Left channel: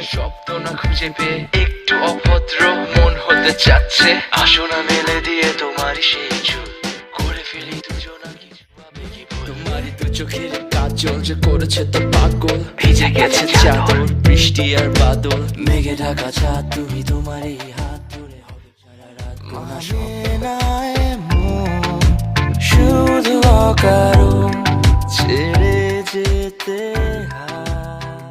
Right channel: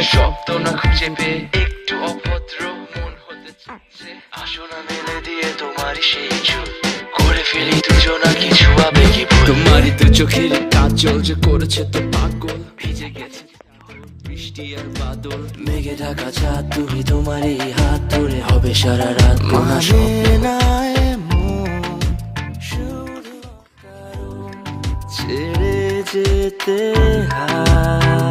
প্রেমের শব্দ না খুঁজে পেয়ে একটু অভদ্র মন হতে চাচ্ছে। আসো না মেলে দিয়ে তোমারই সেই চুল, করে ফেলি দুজনা কিছু আবেগী ভুল। তোমারই তো চোখের কাজল যে করেছে তো পাগল, ভিজে গেছে চাদর বৃষ্টি আর বাদল, মেঘে ঢাকা চাঁদ তুমি তোমারই হাত ধরে হবে সারা রাত। মানে না এমন শুধু অকারণ ছেড়ে যেতে হয়।